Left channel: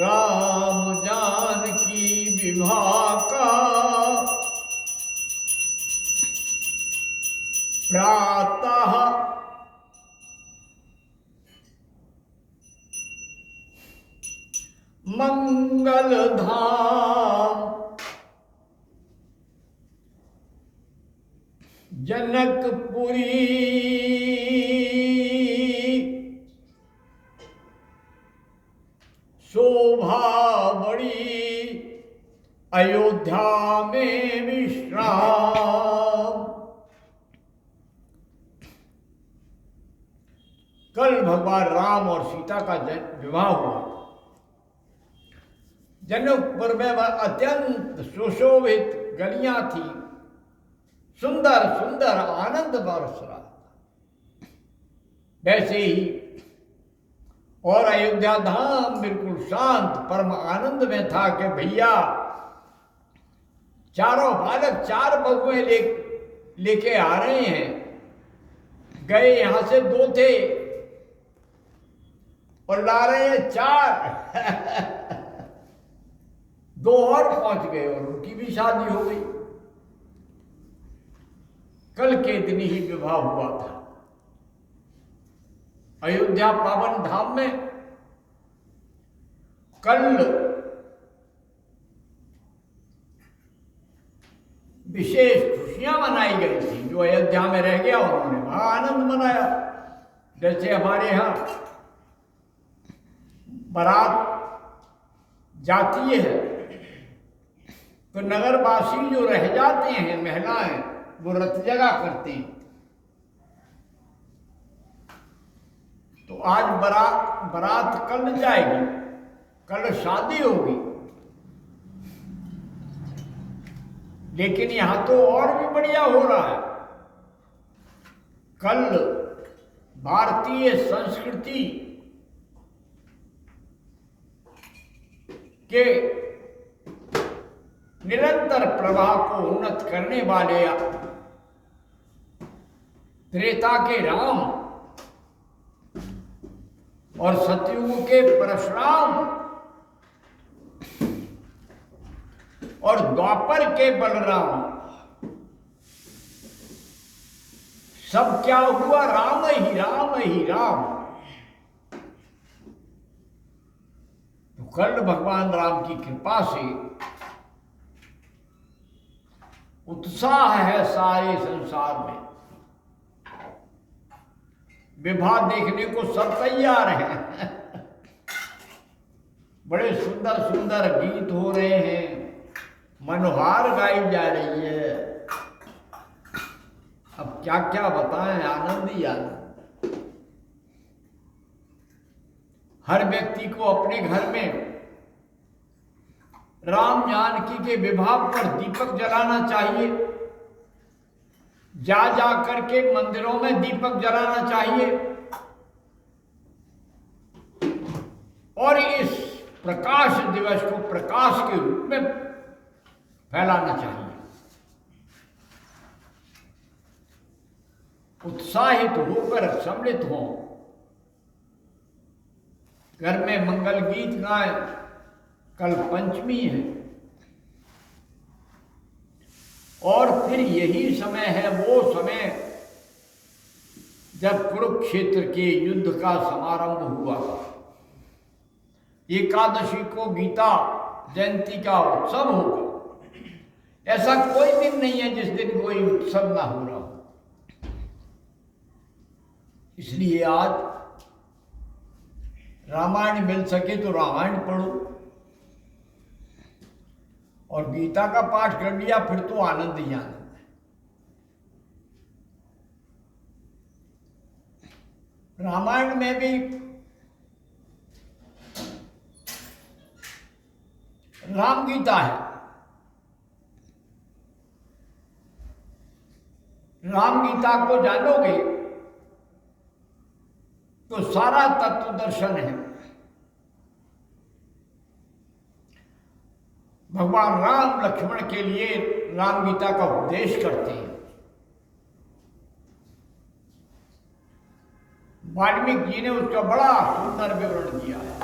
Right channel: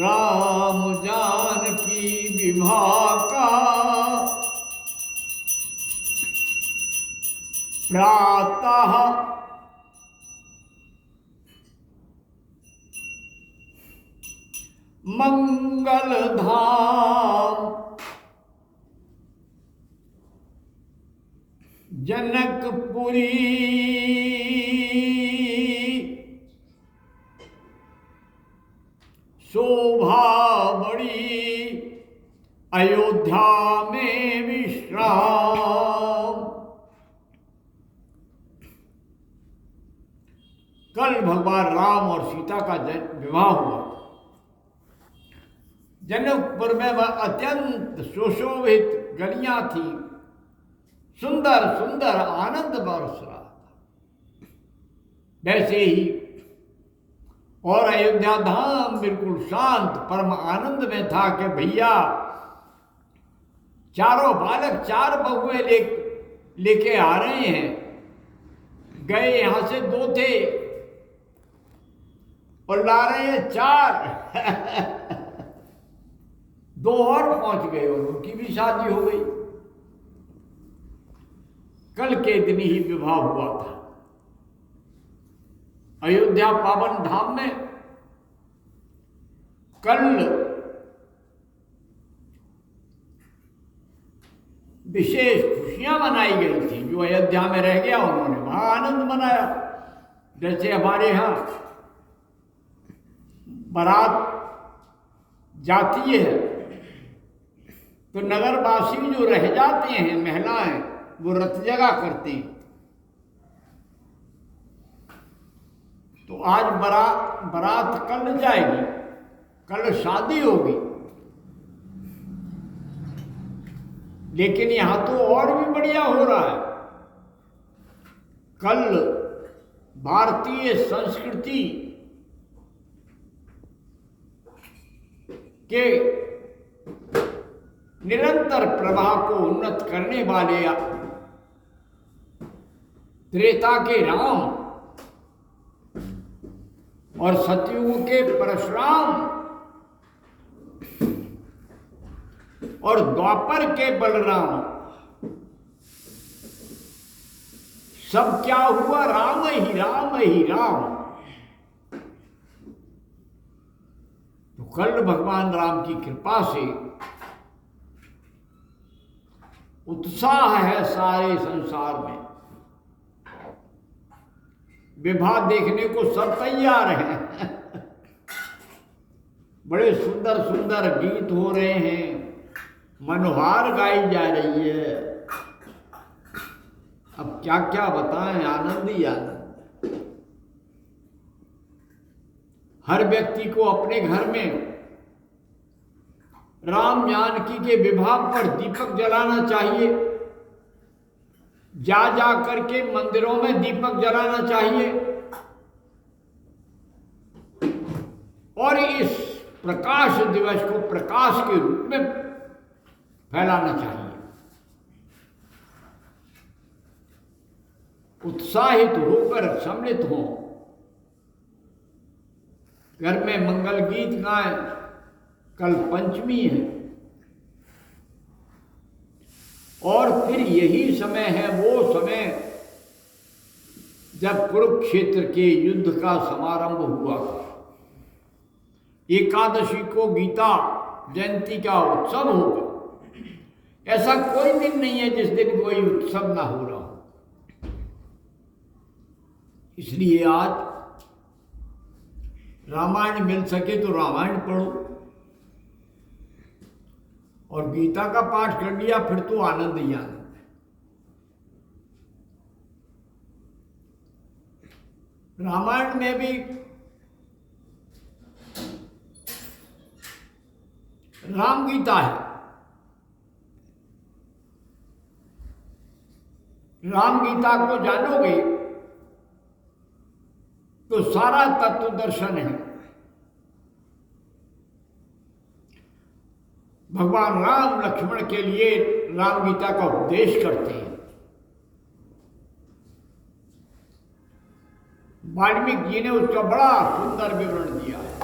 राम जानकी विवाह का प्रातः मंगल धाम जनकपुरी शोभा बड़ी अयोध्या में विश्राम। कल भगवान राम और सीता का विवाह हुआ। जनकपुर में वह अत्यंत सुशोभित गलियां थी, सुंदर सुंदर आनंद बरस रहा था। वैसे ही और अयोध्या धाम बिल्कुल शांत परम आनंद में था कि भैया चारों बालक 4 बगुए लेके आ रहे हैं। गए यहां से 2 थे और ला रहे हैं 4 2 और पहुंच गए और उनकी भी शादी हो गई। कल के दिन ही विवाह हुआ था अयोध्या पावन धाम में। कल विशेष खुशियां मनाई गई थी। जो अयोध्या में रह गया उन्होंने वहां आनंद मनाया। जैसे हमारे यहां बारात जाती है तो नगरवासी जो रह जाते हैं महिलाएं वो रथ जगा करती हैं। तो आज बारात कल जाएगी, कल शादी होगी। लेकिन यहां तो और भी बढ़िया हो रहा है। कल भारतीय संस्कृति के निरंतर प्रवाह को उन्नत करने वाले त्रेता के राम और सतयुग के परशुराम और द्वापर के बलराम, सब क्या हुआ? राम ही राम ही राम। तो कल भगवान राम की कृपा से उत्साह है सारे संसार में। विवाह देखने को सब तैयार हैं। बड़े सुंदर सुंदर गीत हो रहे हैं, मनोहार गाई जा रही है। अब क्या क्या बताएं, आनंद ही आनंद। हर व्यक्ति को अपने घर में राम जानकी के विवाह पर दीपक जलाना चाहिए। जा करके मंदिरों में दीपक जलाना चाहिए और इस प्रकाश दिवस को प्रकाश के रूप में फैलाना चाहिए। उत्साहित होकर सम्मिलित हों, घर में मंगल गीत गाएं। कल पंचमी है और फिर यही समय है, वो समय जब कुरुक्षेत्र के युद्ध का समारंभ हुआ था। एकादशी को गीता जयंती का उत्सव होगा। ऐसा कोई दिन नहीं है जिस दिन कोई उत्सव ना हो रहा हो। इसलिए आज रामायण मिल सके तो रामायण पढ़ो और गीता का पाठ कर लिया फिर तो आनंद ही आनंद है। रामायण में भी राम गीता है। राम गीता को जानोगे तो सारा तत्व दर्शन है। भगवान राम लक्ष्मण के लिए राम गीता का उपदेश करते हैं। वाल्मीकि जी ने उसका बड़ा सुंदर विवरण दिया है।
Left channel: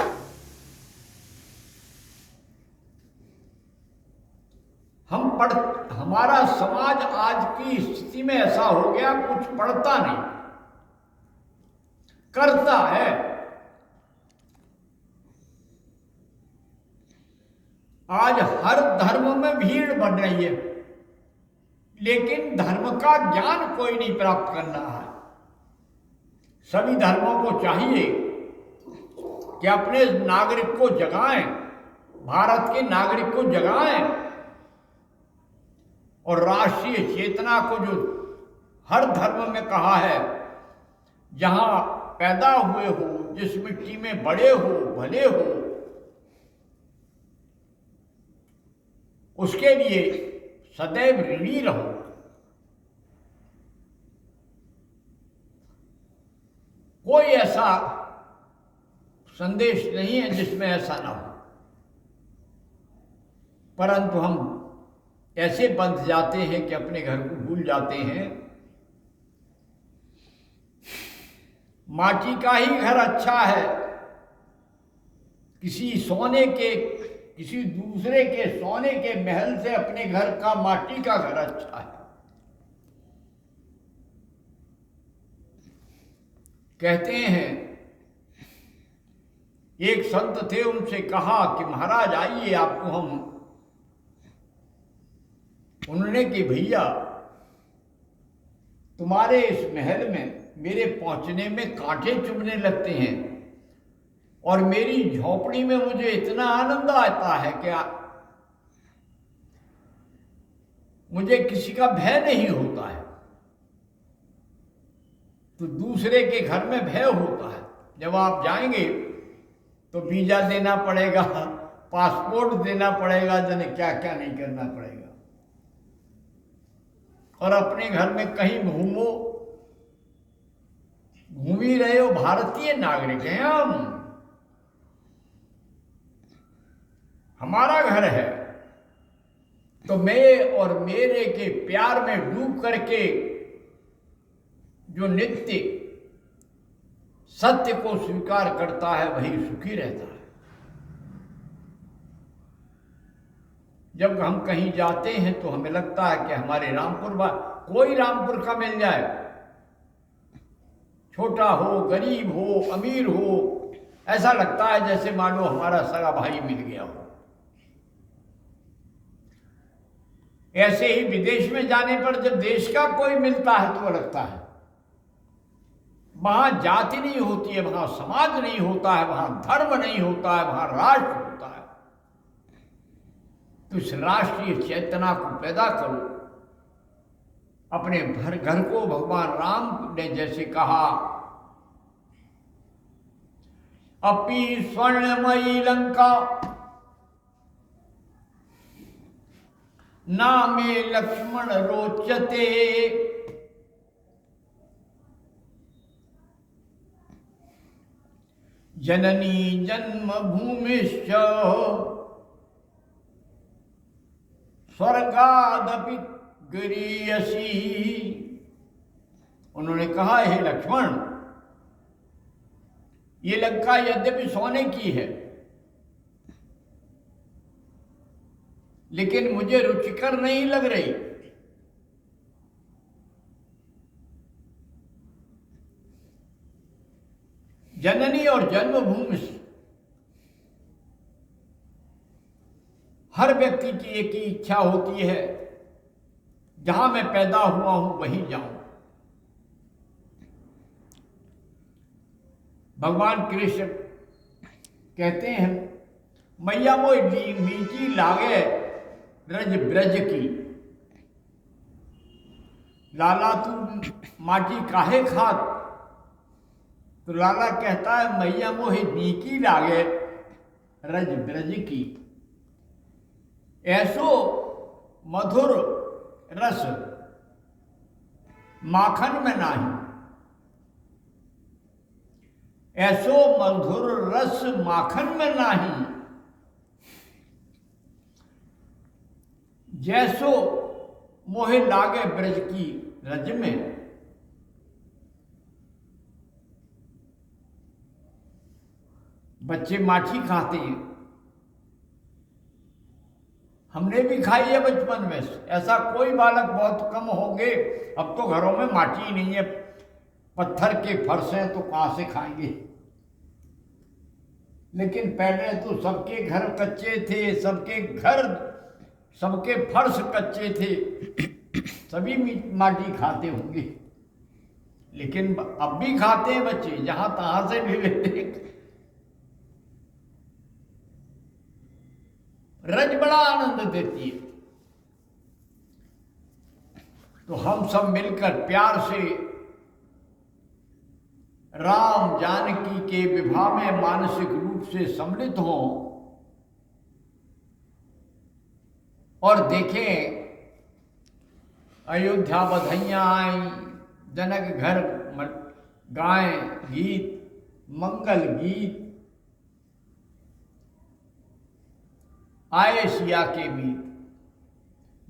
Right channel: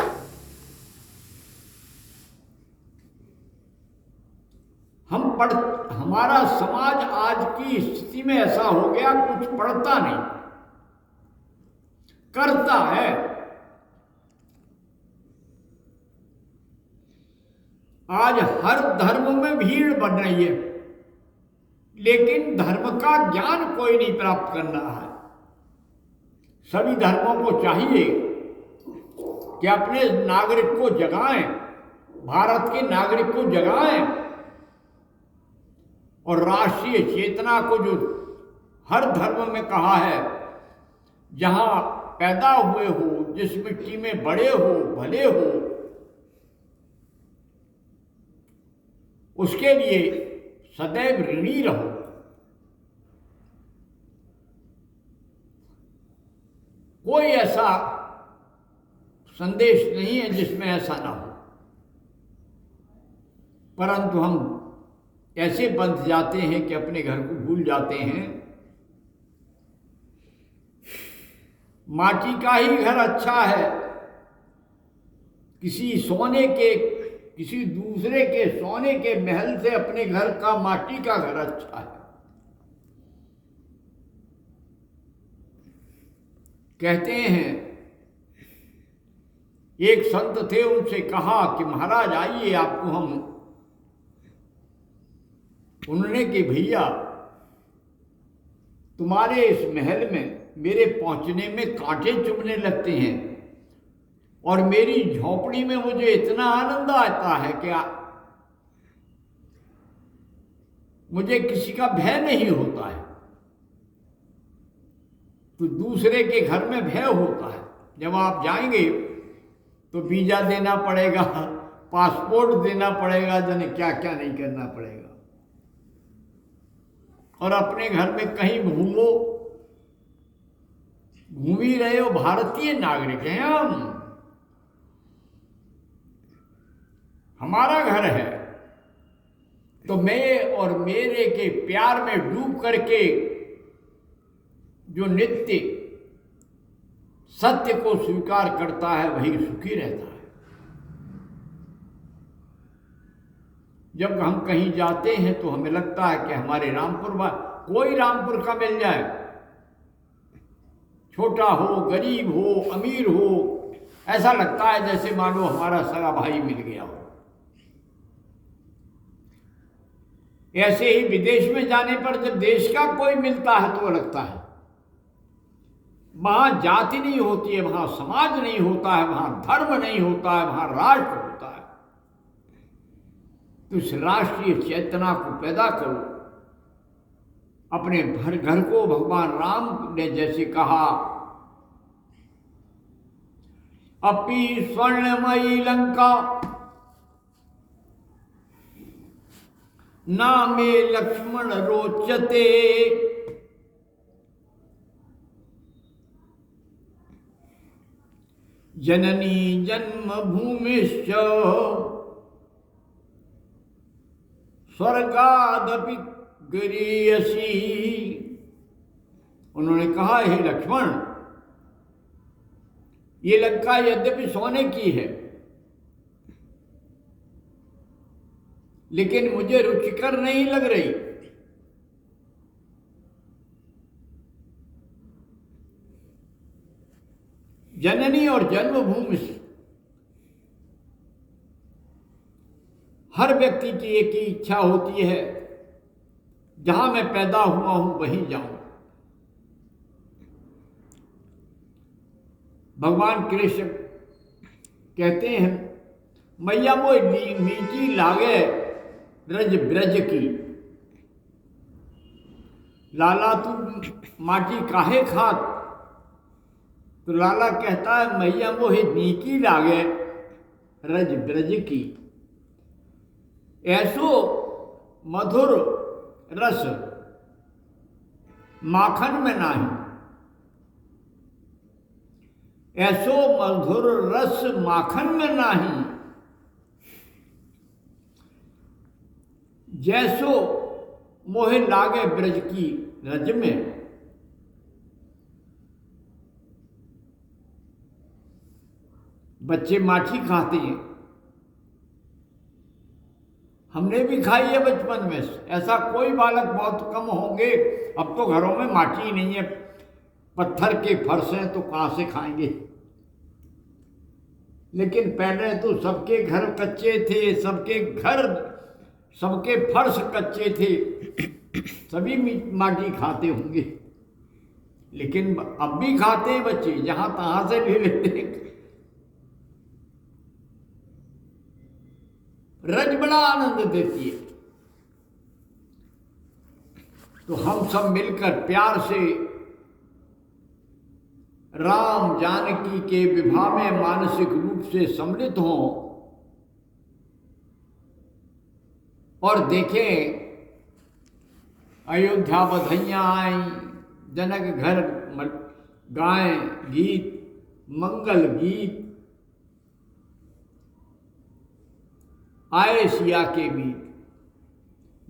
पढ़ हमारा समाज आज की स्थिति में ऐसा हो गया, कुछ पढ़ता नहीं, करता है। आज हर धर्म में भीड़ बढ़ रही है, लेकिन धर्म का ज्ञान कोई नहीं प्राप्त कर रहा है। सभी धर्मों को चाहिए कि अपने नागरिक को जगाएं, भारत के नागरिक को जगाएं, और राष्ट्रीय चेतना को, जो हर धर्म में कहा है, जहां पैदा हुए हो, जिस मिट्टी में बड़े हो, भले हो, उसके लिए सदैव ऋणी रहो। कोई ऐसा संदेश नहीं है जिसमें ऐसा ना हो, परंतु हम ऐसे बंध जाते हैं कि अपने घर को भूल जाते हैं। माटी का ही घर अच्छा है, किसी दूसरे के सोने के महल से अपने घर का माटी का घर अच्छा है। कहते हैं, एक संत थे, उनसे कहा कि महाराज आइए, आपको हम, उन्होंने कि भैया तुम्हारे इस महल में मेरे पहुंचने में कांटे चुभने लगते हैं, और मेरी झोपड़ी में मुझे इतना आनंद आता है कि मुझे किसी का भय नहीं होता है। तो दूसरे के घर में भय होता है। जब आप जाएंगे तो वीजा देना पड़ेगा, पासपोर्ट देना पड़ेगा, जाने क्या क्या नहीं करना पड़ेगा। और अपने घर में कहीं घूमो, घूम ही रहे हो, भारतीय नागरिक हैं हम, हमारा घर है, तो मैं और मेरे के प्यार में डूब करके जो नित्य सत्य को स्वीकार करता है वही सुखी रहता है। जब हम कहीं जाते हैं तो हमें लगता है कि हमारे कोई रामपुर का मिल जाए, छोटा हो, गरीब हो, अमीर हो, ऐसा लगता है जैसे मानो हमारा सगा भाई मिल गया हो। ऐसे ही विदेश में जाने पर जब देश का कोई मिलता है तो लगता है वहां जाति नहीं होती है, वहां समाज नहीं होता है, वहां धर्म नहीं होता है, वहां राष्ट्र होता है। तो इस राष्ट्रीय चेतना को पैदा करो। अपने घर को भगवान राम ने जैसे कहा, अपि स्वर्णमयी लंका नामे लक्ष्मण रोचते, जननी जन्मभूमिश्च स्वर्गादपि गरीयसी। उन्होंने कहा, हे लक्ष्मण, ये लंका यद्यपि सोने की है, लेकिन मुझे रुचिकर नहीं लग रही। जननी और जन्मभूमि, हर व्यक्ति की एक ही इच्छा होती है, जहां मैं पैदा हुआ हूं वहीं जाऊं। भगवान कृष्ण कहते हैं, मैया वो मीठी लागे रज ब्रज की, लाला तू माटी काहे खात। तो लाला कहता है, मैया मोहे नीकी लागे रज ब्रज की, ऐसो मधुर रस माखन में नाही, ऐसो मधुर रस माखन में नाही, जैसो मोहे लागे ब्रज की रज में। बच्चे माठी खाते हैं, हमने भी खाई है बचपन में। ऐसा कोई बालक, बहुत कम होंगे, अब तो घरों में माटी ही नहीं है, पत्थर के फर्श हैं, तो कहाँ से खाएंगे। लेकिन पहले तो सबके घर कच्चे थे, सबके फर्श कच्चे थे, सभी माटी खाते होंगे। लेकिन अब भी खाते हैं बच्चे, जहां तहां से ले लेते। रज बड़ा आनंद देती है। तो हम सब मिलकर प्यार से राम जानकी के विवाह में मानसिक रूप से सम्मिलित हों और देखें अयोध्या बधाइयाँ आई, जनक घर गाएं गीत, मंगल गीत, आए सिया के मीत।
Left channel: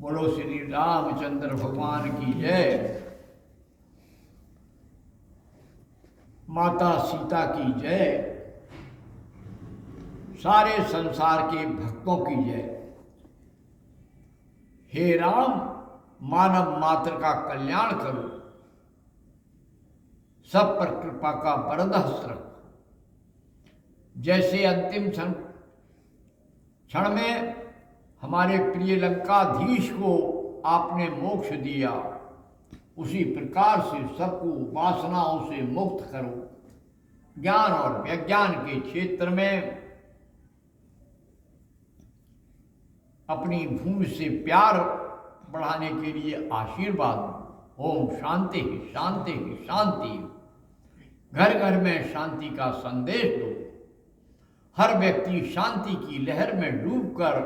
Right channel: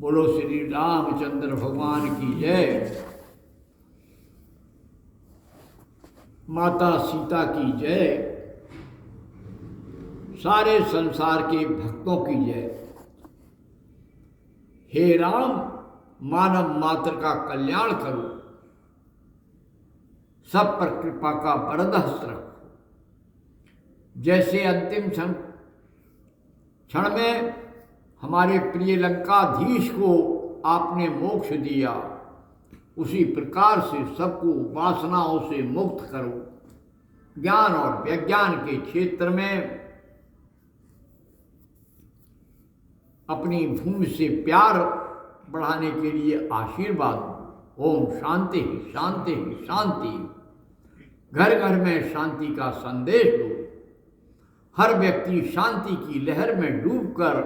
बोलो श्री रामचंद्र भगवान की जय, माता सीता की जय, सारे संसार के भक्तों की जय। हे राम, मानव मात्र का कल्याण करो, सब पर कृपा का वरद हस्त रखो। जैसे अंतिम क्षण में हमारे प्रिय लंकाधीश को आपने मोक्ष दिया, उसी प्रकार से सबको वासनाओं से मुक्त करो। ज्ञान और विज्ञान के क्षेत्र में अपनी भूमि से प्यार बढ़ाने के लिए आशीर्वाद दो। ओम शांति शांति शांति। घर घर में शांति का संदेश दो। हर व्यक्ति शांति की लहर में डूबकर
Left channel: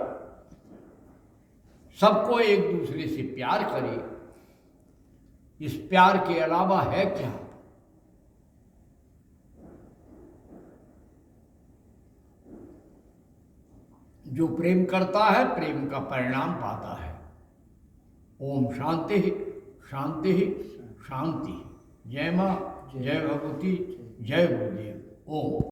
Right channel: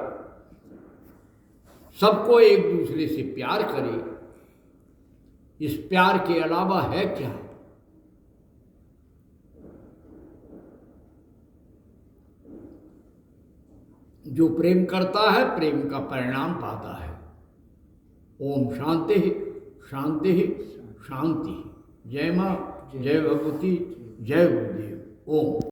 सबको एक दूसरे से प्यार करे। इस प्यार के अलावा है क्या? जो प्रेम करता है, प्रेम का परिणाम पाता है। ओम शांति शांति शांति। जय मां, जय भगवती, जय गुरुदेव। ओम।